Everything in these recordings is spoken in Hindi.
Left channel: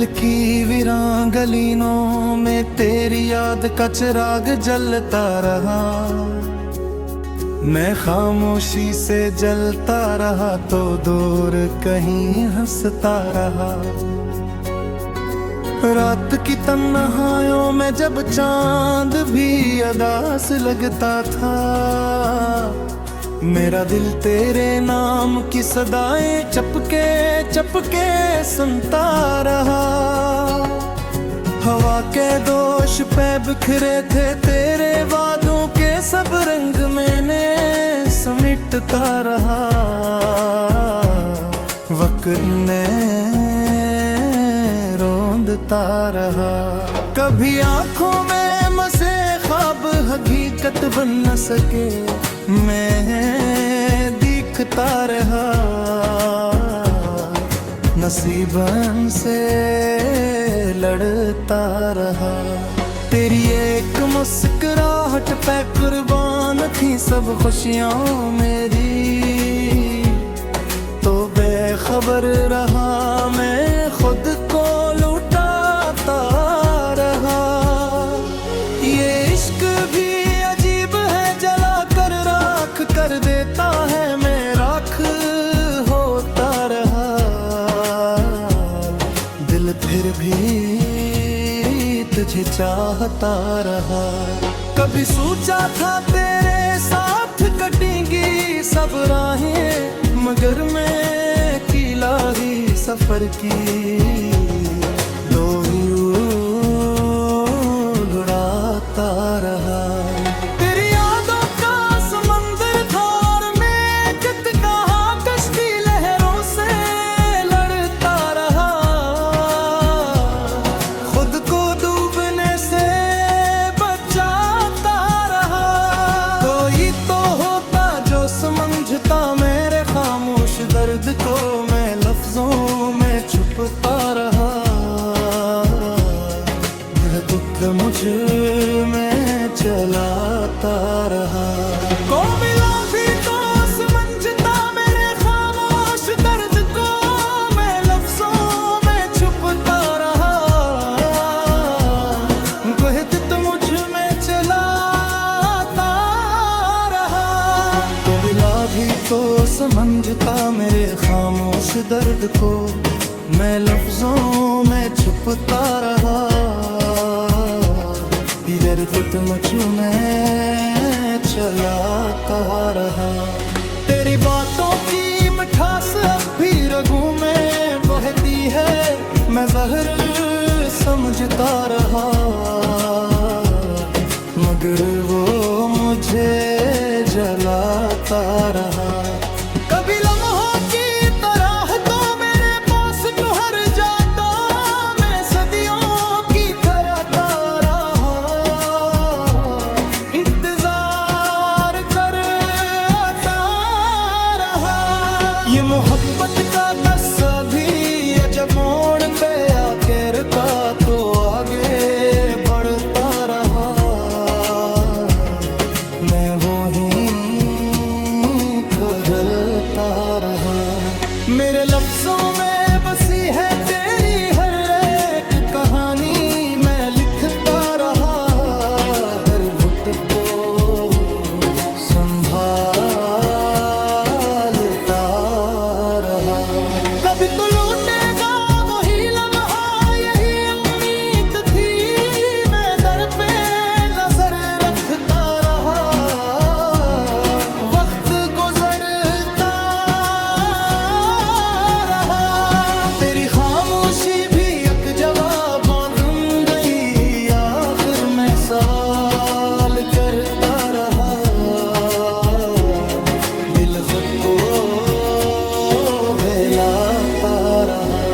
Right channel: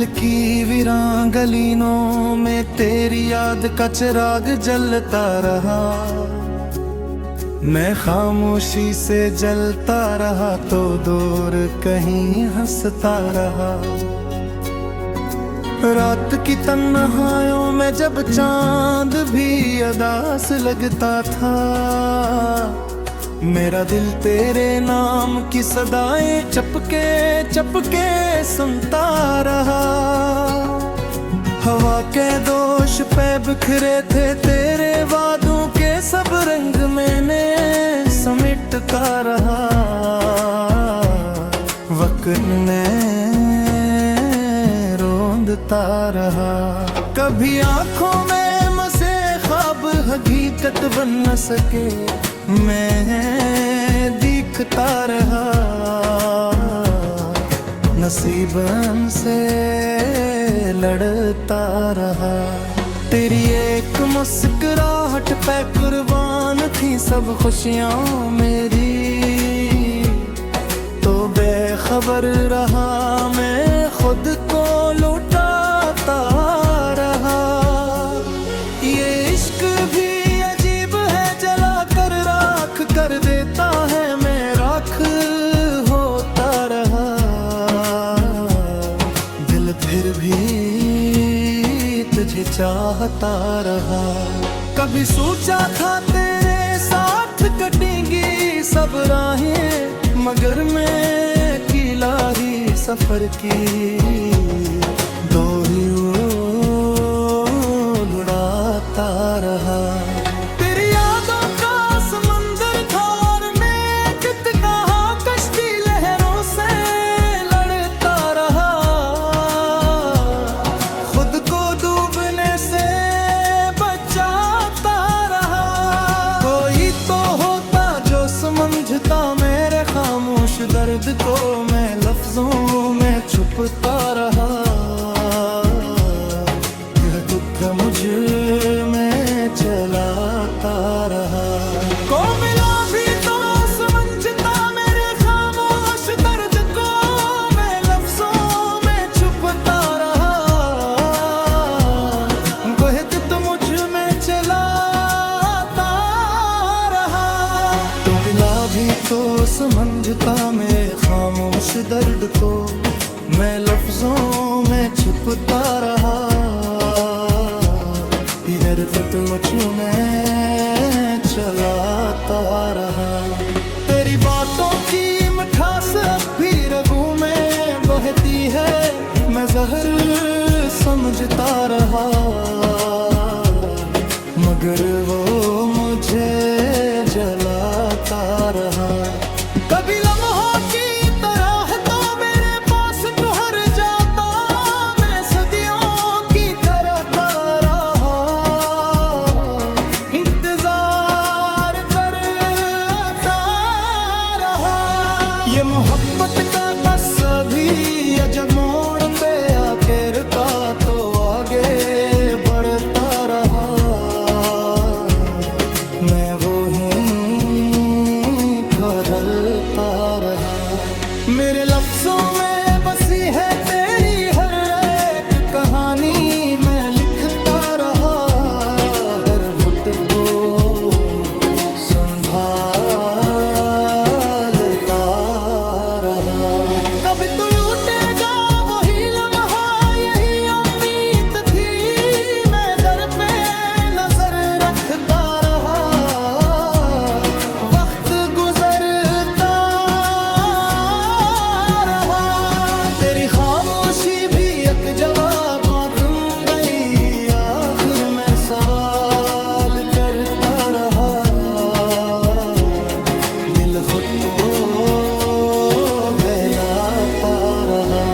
दिल की वीरान गलियों में तेरी याद का चिराग जलता रहा। मैं खामोशी से जलता रहा तो दूर कहीं हंसता रहा। रात की तन्हाइयों में जब चांद भी अदास लगता था, मेरा दिल तेरे नाम की सदाएं चपके चपके सुनता रहा। हवा के दोष पे बिखरे थे तेरे वादों के सब रंग मैंने समेटता रहा। वक्त ने रोंदता रहा। कभी आंखों में मसे ख्वाब हकीकत बन न सके, मैं दिखता रहा। नसीबन से लड़ता रहा। तेरी एक मुस्कुराहट पे कुर्बान थी सब खुशियाँ मेरी, तो बेखबर रहा मैं खुद को लुटाता रहा। ये इश्क भी अजीब है, जला कर राख कर देता है, मैं राख होता रहा। दिल फिर भी तुझे चाहता रहा। कभी सोचा था तेरे साथ कटेंगी सब राहें, मगर मैं अकेला ही सफर की डोरी उड़ाता रहा। तेरी यादों का समंदर था और मैं कित कहा कश्ती लहरों से लड़ता रहा। खुद को डूबने से बचाता रहा। कोई तो होता जो समझता मेरे खामोश दर्द को, मैं लफ्जों में छुपता रहा। यह टुकड़ा मुझ में चलाता रहा। को मिला भी तो समझता मेरे खामोश दर्द को, मैं लफ्जों में छुपता रहा। कोई तो मुझ में चलाता रहा। तो मिला भी तो समझता मेरे खामोश दर्द को, मैं लफ्जों में छुपता रहा। इधर तो तुझ में चलाता रहा। तेरी बातों की मिठास अब भी रगों में बहती है, मैं जहर समझता रहा। मगर वो मुझे जलाता रहा। कभी लम्हों की तरह तो मेरे पास ठहर जाता, मैं सदियों की तरह रहा। इंतजार करता रहा। ये मोहब्बत का कस्सा भी जब मोड़ पे आके रुका तो आगे बढ़ता रहा। मैं वो ही बदलता रहा। मेरे लफ्जों में बसी है तेरी हर एक कहानी, मैं लिखता रहा। हर बुत को संभालता रहा। कभी तो लूटेगा वही लम्हा, यही उम्मीद थी, मैं दर पे नजर रखता रहा। वक्त गुजरता रहा। तेरी खामोशी भी एक जवाब तुम गई, आखिर मैं सवाल करता रहा। दिल खुद को बहलाता रहा।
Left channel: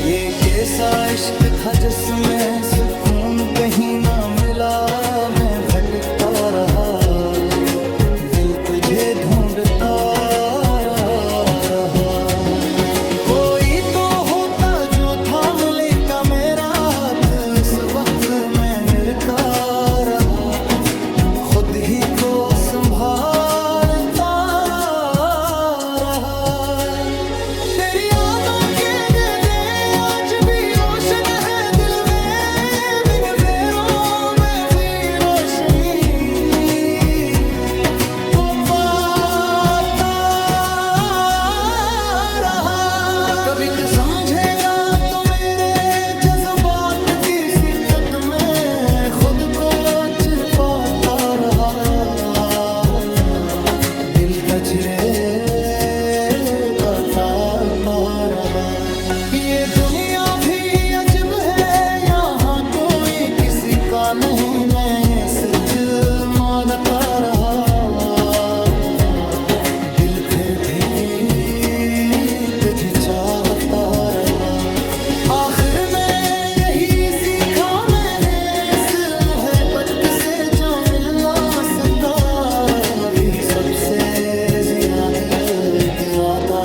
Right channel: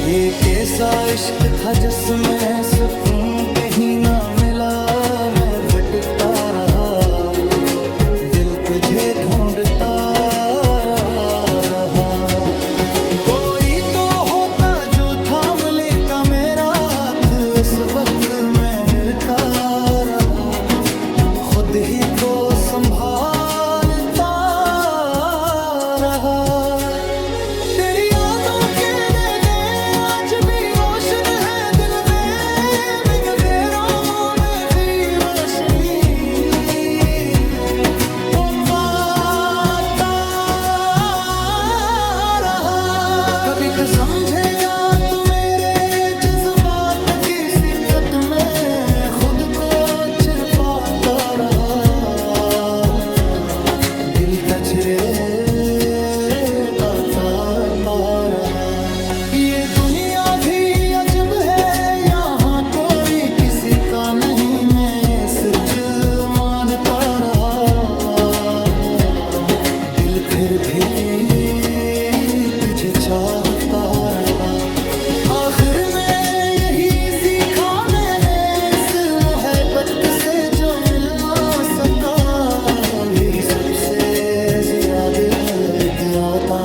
ये कैसा इश्क था जिसमें सुकून कहीं ना मिला, मैं भटकता रहा। दिल तुझे ढूंढता रहा। कोई तो होता जो थाम लेता मेरा हाथ, इस वक्त मैं निरता रहा। खुद ही को संभालता रहा। तेरी यादों के दे आज भी रोशन सोच पाता रहा, दिल तजरे आता रहा। ये दुनिया भी अजब है, यहाँ कोई किसी का नहीं, मैं ये सच मानता रहा। दिल फिर भी तुझे चाहता रहा। आखिर में यही सीखा मैंने इस मोहब्बत से, जो मिल ना सका भी सबसे ज्यादा ज्यादा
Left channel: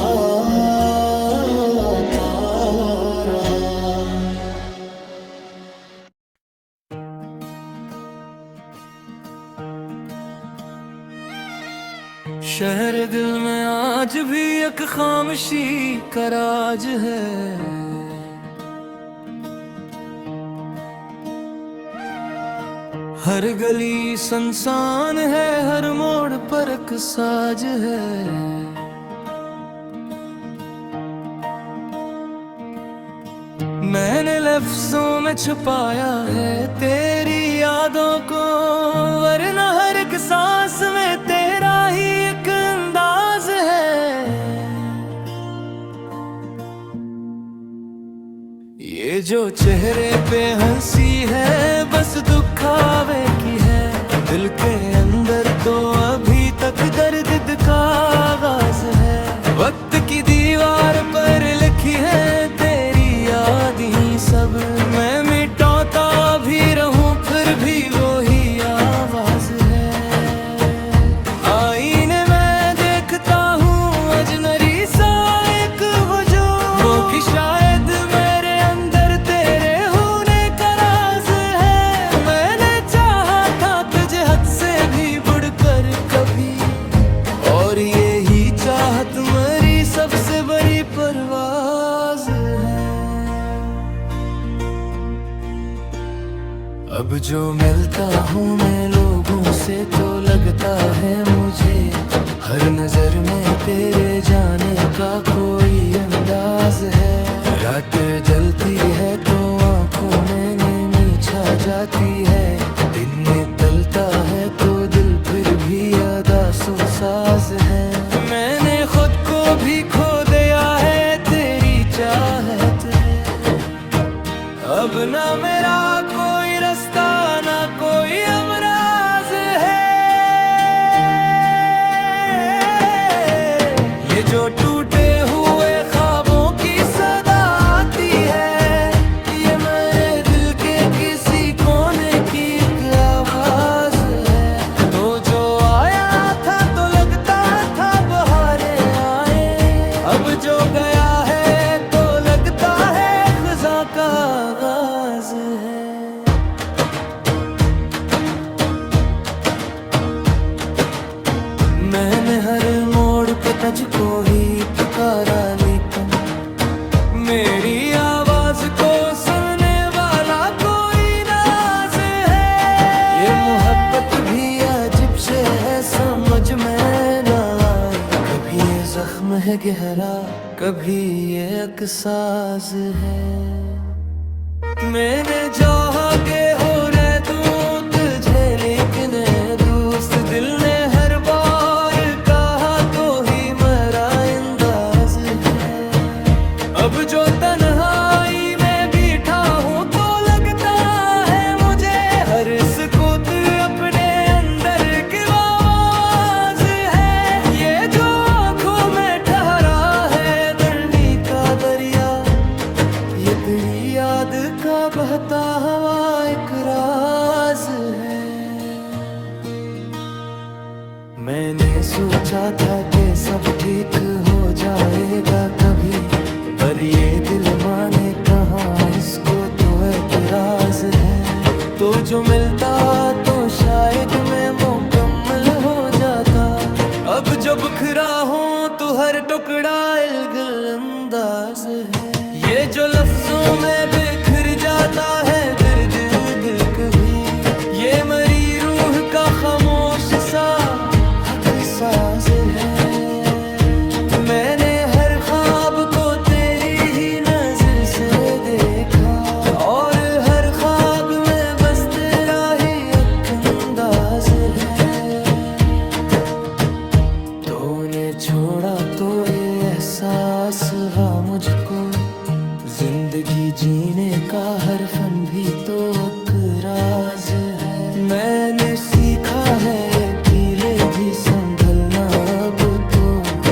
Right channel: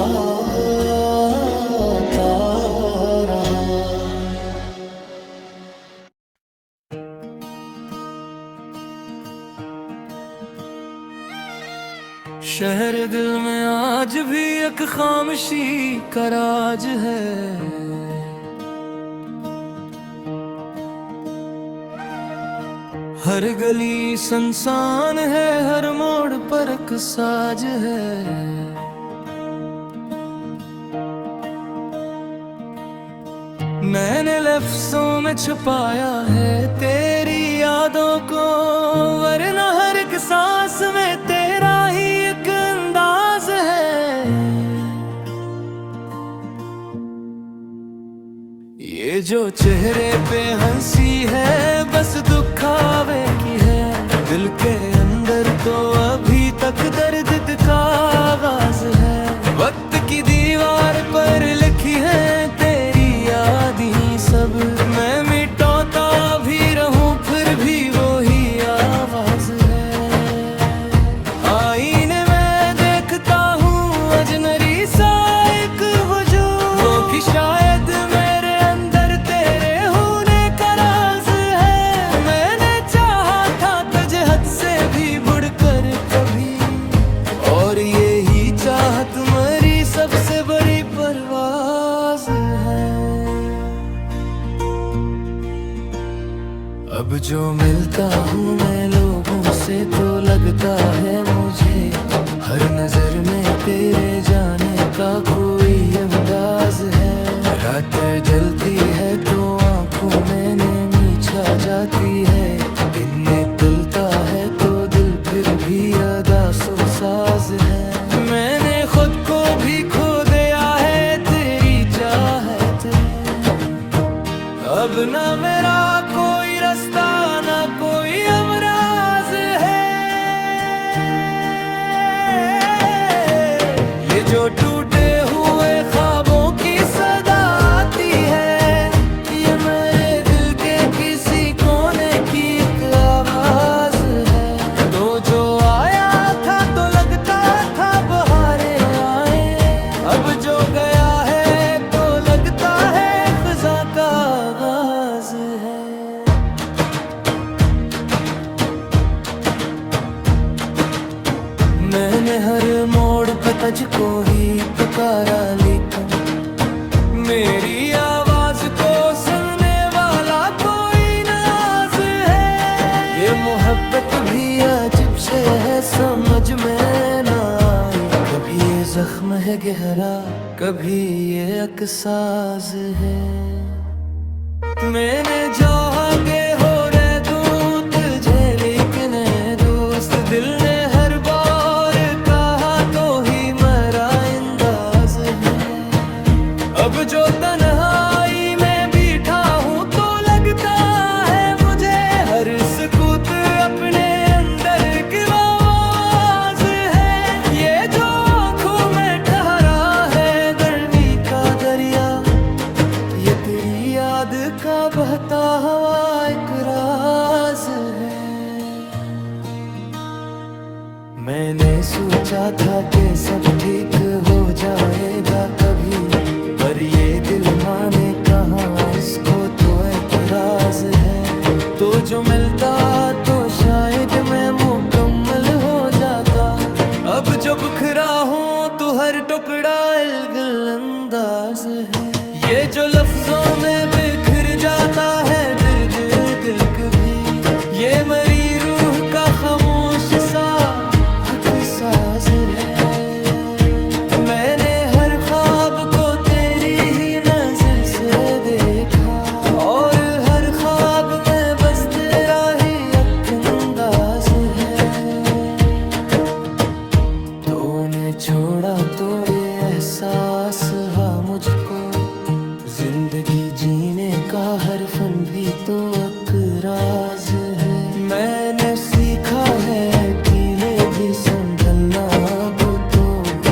रहा। शहर दिल में आज भी एक खामोशी का राज है। हर गली सुनसान है, हर मोड़ पर एक साज है। मैंने लफ्जों में छुपाया है तेरी यादों को, वरना हर एक सांस में तेरा ही एक अंदाज है। ये जो चेहरे पे हंसी है बस दुखावे की है, दिल के अंदर तो अभी तक दर्द का आगाज है। वक्त की दीवार पर लिखी है तेरी यादें सब, मैं मिटाता भी रहूं फिर भी वही आवाज है। आईने में देखता हूँ अजनबी सा एक वजूद, वो भी शायद मेरे अंदर तेरे होने का राज है। मैंने चाहा था तुझे हद से भी बढ़कर कभी, और यही चाहत मेरी सबसे बड़ी परवाज है। अब जो मिलता हूँ मैं लोगों से तो लगता है मुझे, हर नजर में तेरे जाने का कोई अंदाज है। रात जलती है तो आंखों में नींद छा जाती है, दिन में तलता है तो दिल फिर भी अदा सो साज है। मैंने खुद को भी खो दिया है तेरी चाहत है, अब ना मेरा कोई रास्ता ना कोई अमराज है। ये जो टूटे हुए ख्वाबों की सदा आती है, ये मेरे दिल के किसी कोने की एक आवाज है। तो जो आया था तो लगता था बहारें आए, अब जो गया है तो लगता है खज़ां का आगाज है। मैंने हर मोड़ पे तुझको ही पुकारा, लेकिन मेरी आवाज को सुनने वाला कोई नाज है। ये मोहब्बत भी अजब से है, समझ में ना आई, कभी ये जख्म है गहरा कभी ये अकसाज है। मैंने जो आगे हो रहे दूं तुझे, लेकिन दोस्त दिल ने हर बार कहा तो ही मेरा अंदाज है। अब जो तन्हाई में बैठा हूँ तो लगता है मुझे हर सुकूत अपने अंदर की आवाज है। ये जो आंखों में ठहरा है गर्मी का दरिया, ये तेरी याद का बहता हुआ एक राज है। मैंने सोचा था कि सब ठीक हो जाएगा कभी, पर ये दिल माने कहाँ, इसको तो एतराज है। तो जो मिलता तो शायद मैं मुकम्मल हो जाता, अब जो बिखरा हूँ तो हर टुकड़ा इल्गिल अंदाज है। ये जो लफ्जों में बिखर जाता है दर्द दिल कभी, ये मरी रूह का खामोश सा साज है। मैंने हर ख्वाब को तेरी ही नजर से देखा, और हर ख्वाब में बस तेरा ही एक का हर फन भी तो एक राज है। मैंने सीखा है कीले भी संभलना अब तो,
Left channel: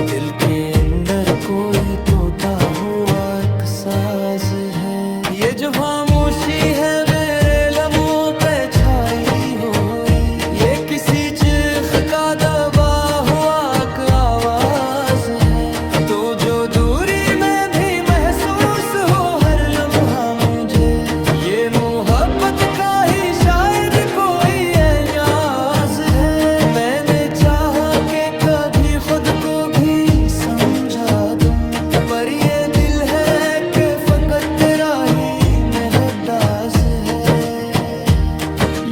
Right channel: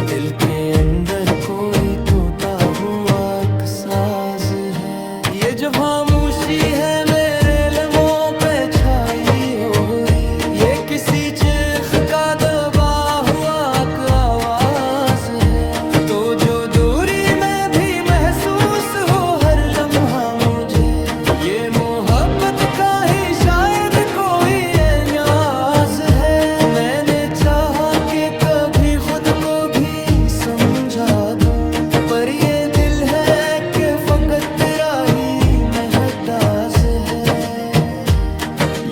दिल के अंदर कोई तोता हुआ एक साज है। ये जो खामोशी है मेरे लम्हों पे छाई हुई, ये किसी चीख का दबा हुआ एक आवाज है। तो जो दूरी में भी महसूस हो हर लम्हा मुझे, ये मोहब्बत का ही शायद कोई एहसास है। मैंने चाहा कि कभी खुद को भी समझा दूं, पर ये दिल है कि फकत तेरा ही मेहदास है।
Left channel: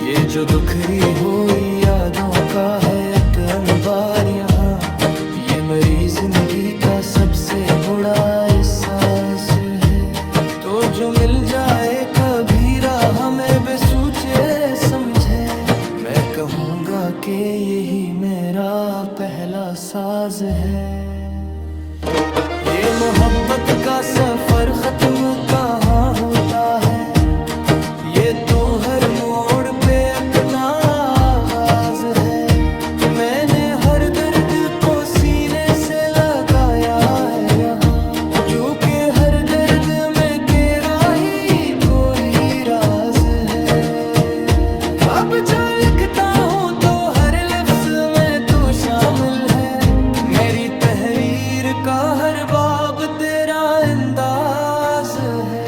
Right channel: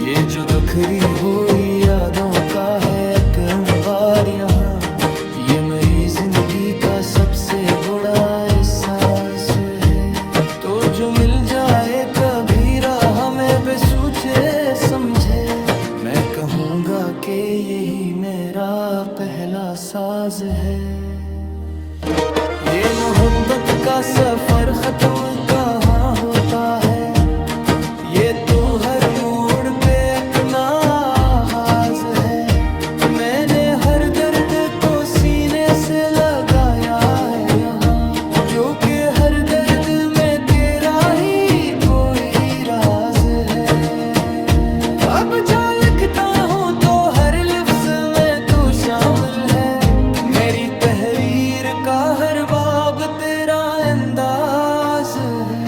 ये जो दुखरी हुई यादों का है एक अंबार यहाँ, ये मेरी जिंदगी का सबसे बड़ा एहसास है। तो जो मिल जाए कभी राह में बेसोचे समझे, मैं कहूँगा कि यही मेरा पहला साज है। ये मोहब्बत का सफर खत्म कहाँ होता है, ये तो हर मोड़ पे अपना आगाज है। मैंने हर दर्द को सीने से लगाया है यहाँ, जो कि हर दर्द में तेरा ही कोई राज है। अब जो लिखता हूँ तो हर लफ्ज में तो शामिल है, मेरी तहरीर का हर बाब तेरा अंदाज है।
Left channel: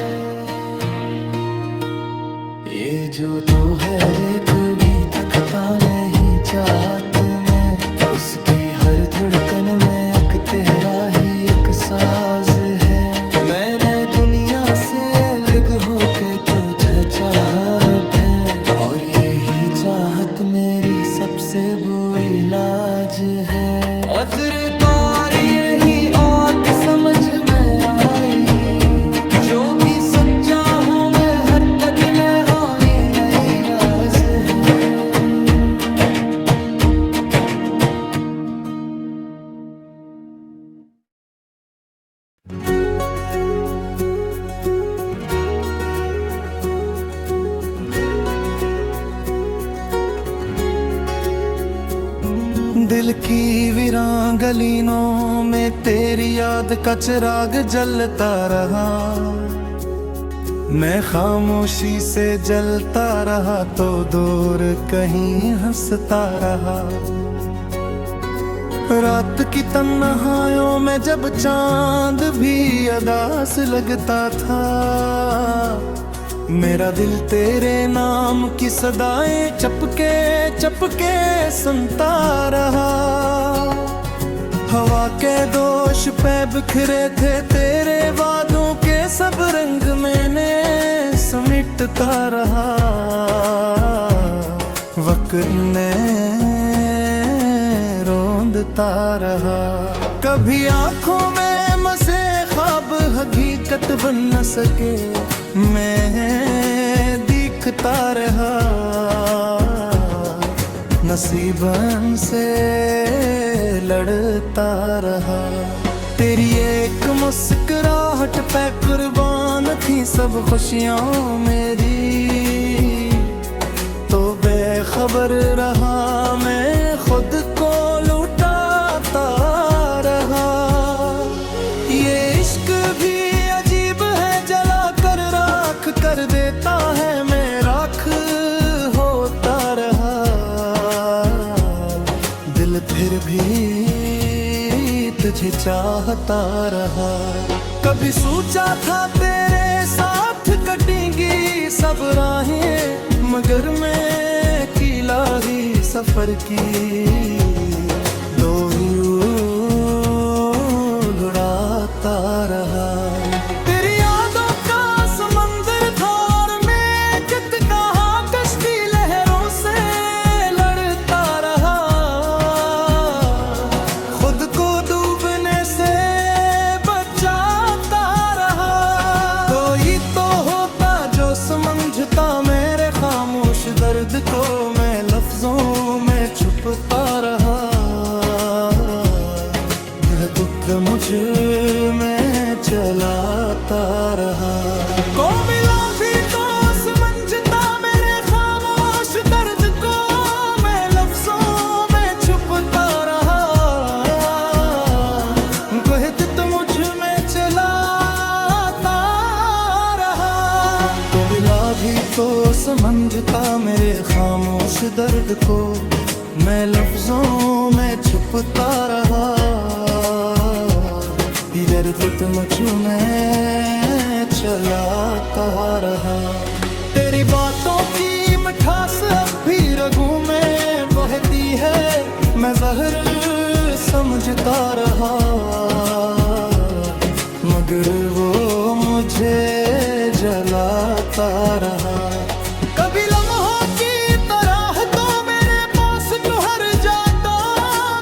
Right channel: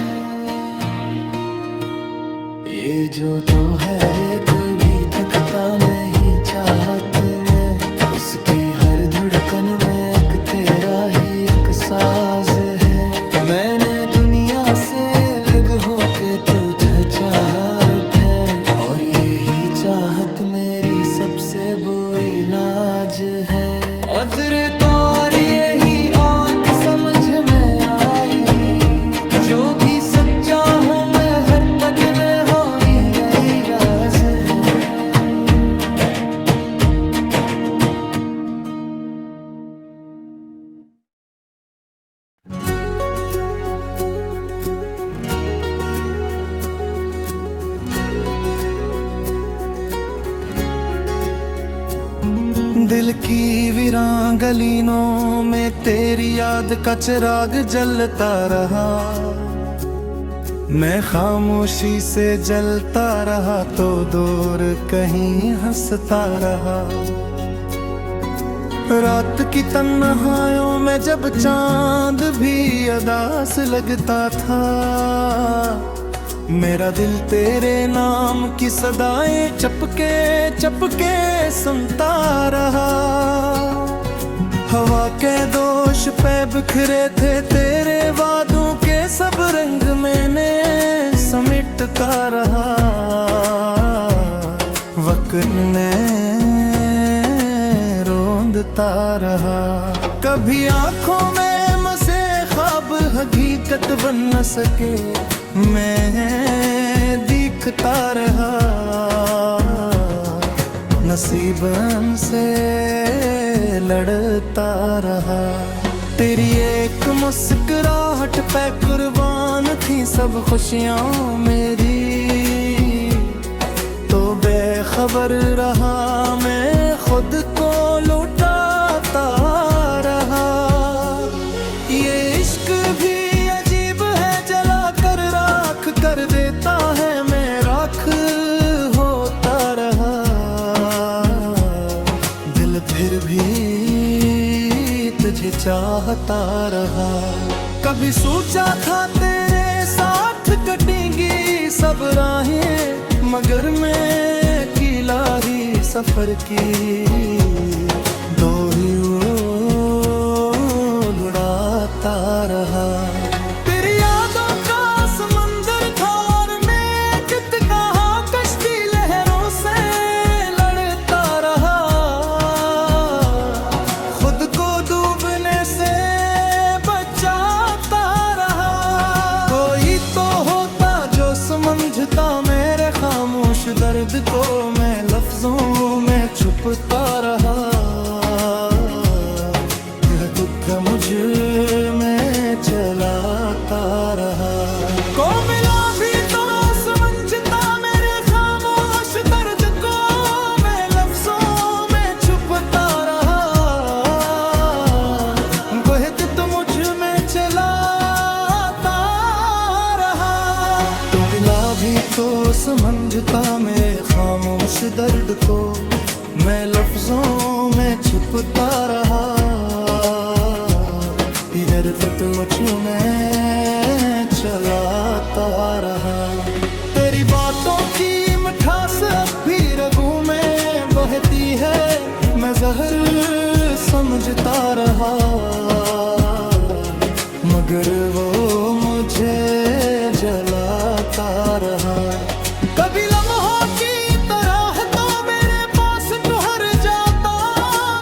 ये जो तो है कभी थकता नहीं चाहत में, उसकी हर धड़कन में एक तेरा ही एक साज है। मैंने दुनिया से अलग होके तुझे चाहा अब है, और यही चाहत मेरी सबसे बुरी लाज है। अजर तार यही आँख समझ में आई, जो भी सच्चा हूँ मैं हर पद में हो ही नई राज है। दिल की वीरान गलियों में तेरी याद का चिराग जलता रहा, मैं खामोशी से जलता रहा तो दूर कहीं हंसता रहा। रात की तन्हाइयों में जब चांद भी अदास लगता था, मेरा दिल तेरे नाम की सदाएं चपके चपके सुनता रहा। हवा के दोष पे बिखरे थे तेरे वादों के सब रंग, मैंने समेटता रहा। वक्त ने रोंदता रहा, कभी आंखों में मसे ख्वाब हकीकत बन न सके, मैं दिखता रहा। नसीबन से लड़ता रहा, तेरी एक मुस्कुराहट पे कुर्बान थी सब खुशियाँ मेरी। तो बेखबर रहा मैं खुद को लुटाता रहा। ये इश्क भी अजीब है, जला कर राख कर देता है, मैं राख होता रहा। दिल फिर भी तुझे चाहता रहा। कभी सोचा था तेरे साथ कटेंगी सब राहें, मगर मैं किला ही सफर की दो ही उड़ाता रहा। तेरी यादों का समंदर था और मैं कित कहाँ कश्ती लहरों से लड़ता रहा। खुद को डूबने से बचाता रहा। कोई तो होता जो समझता मेरे खामोश दर्द को, मैं लफ्जों में छुपता रहा। टुकड़ा मुझ में चलाता रहा। को मिला भी तो समझता मेरे खामोश दर्द को, मैं लफ्जों में छुपता रहा, इधर तो मुझू में चलाता रहा। तेरी बातों की मिठास अब भी रगों में बहती है, मैं जहर समझता रहा, मगर वो मुझे जलाता रहा। कभी लम्हों की तरह तो मेरे पास ठहर जाता,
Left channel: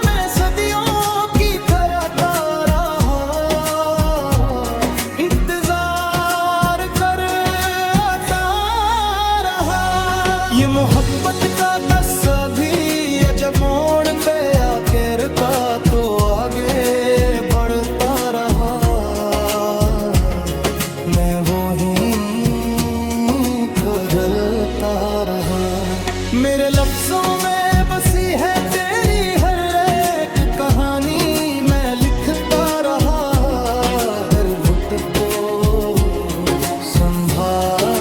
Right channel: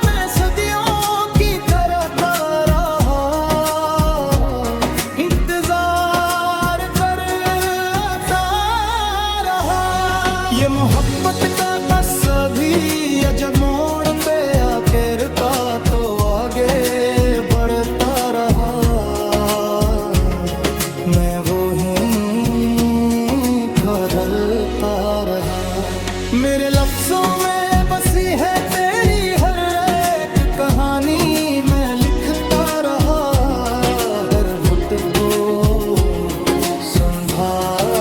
मैं सदियों की तरह रहा, इंतजार करता रहा। ये मोहब्बत का कस्सा भी जब मोड़ पे आके रुका तो आगे बढ़ता रहा, मैं वो ही ठहरता रहा। मेरे लफ्जों में बसी है तेरी हर एक कहानी, मैं लिखता रहा, हर घुट को संभालता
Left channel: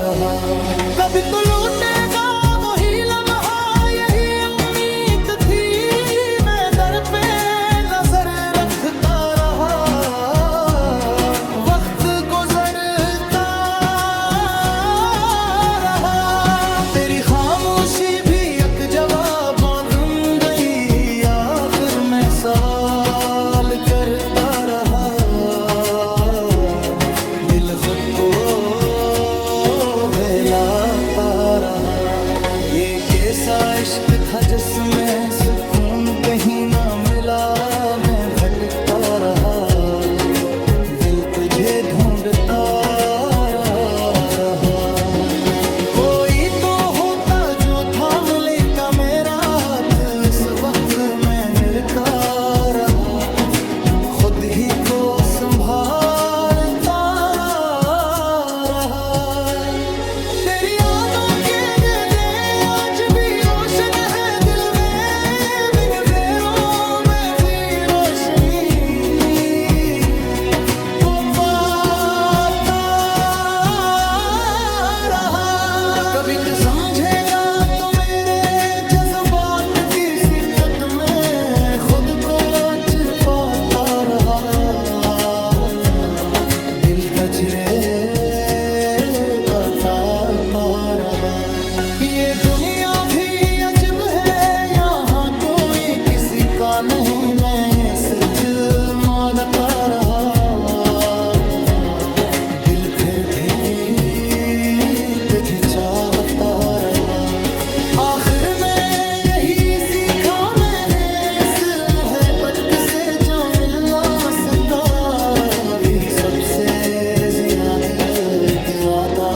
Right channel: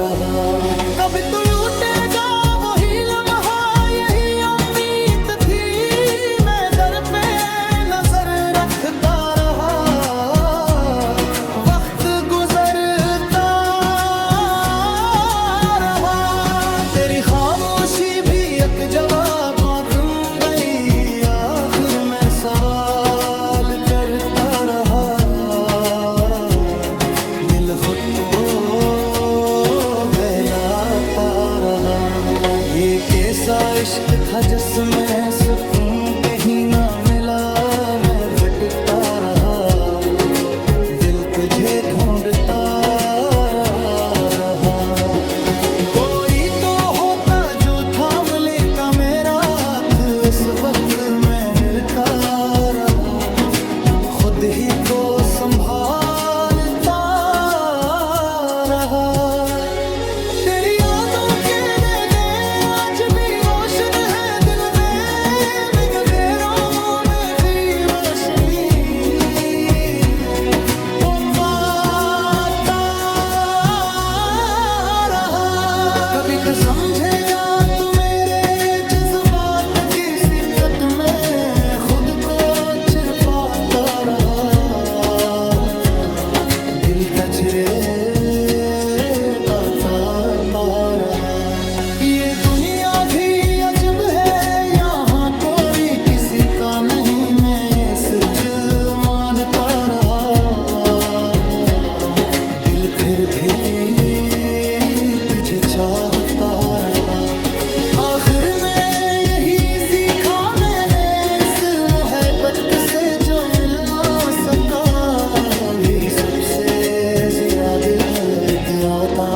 रहा। कभी तो लूटेगा वही लम्हा, यही उम्मीद थी, मैं दर पे नजर रखता रहा, वक्त गुजरता रहा। तेरी खामोशी भी एक जवाब तुम गई, आखिर में सवाल करता रहा, दिल खुद को बहलाता रहा। ये कैसा इश्क था जिसमें सुकून कहीं ना मिला, मैं भटकता रहा, दिल तुझे ढूंढता रहा। कोई तो होता जो थाम लेगा मेरा हाथ, इस वक्त मैं निरता रहा, खुद ही को संभालता रहा। तेरी यादों के दे आज भी रोशन है दिल में, अंधेरों में भी रोशनी को पाता रहा। कभी तो समझेगा तो मेरे जज्बात की सिक्कत में खुद को छिपाता रहा, दिल तजरे आता रहा। ये दुनिया भी अजब है, यहाँ कोई किसी का नहीं, मैं ये सच मानता रहा, दिल फिर भी तुझे चाहता रहा। आखिर में यही सीखा मैंने इस मोहब्बत से, जो मिल ना सका भी सबसे ज्यादा गया था।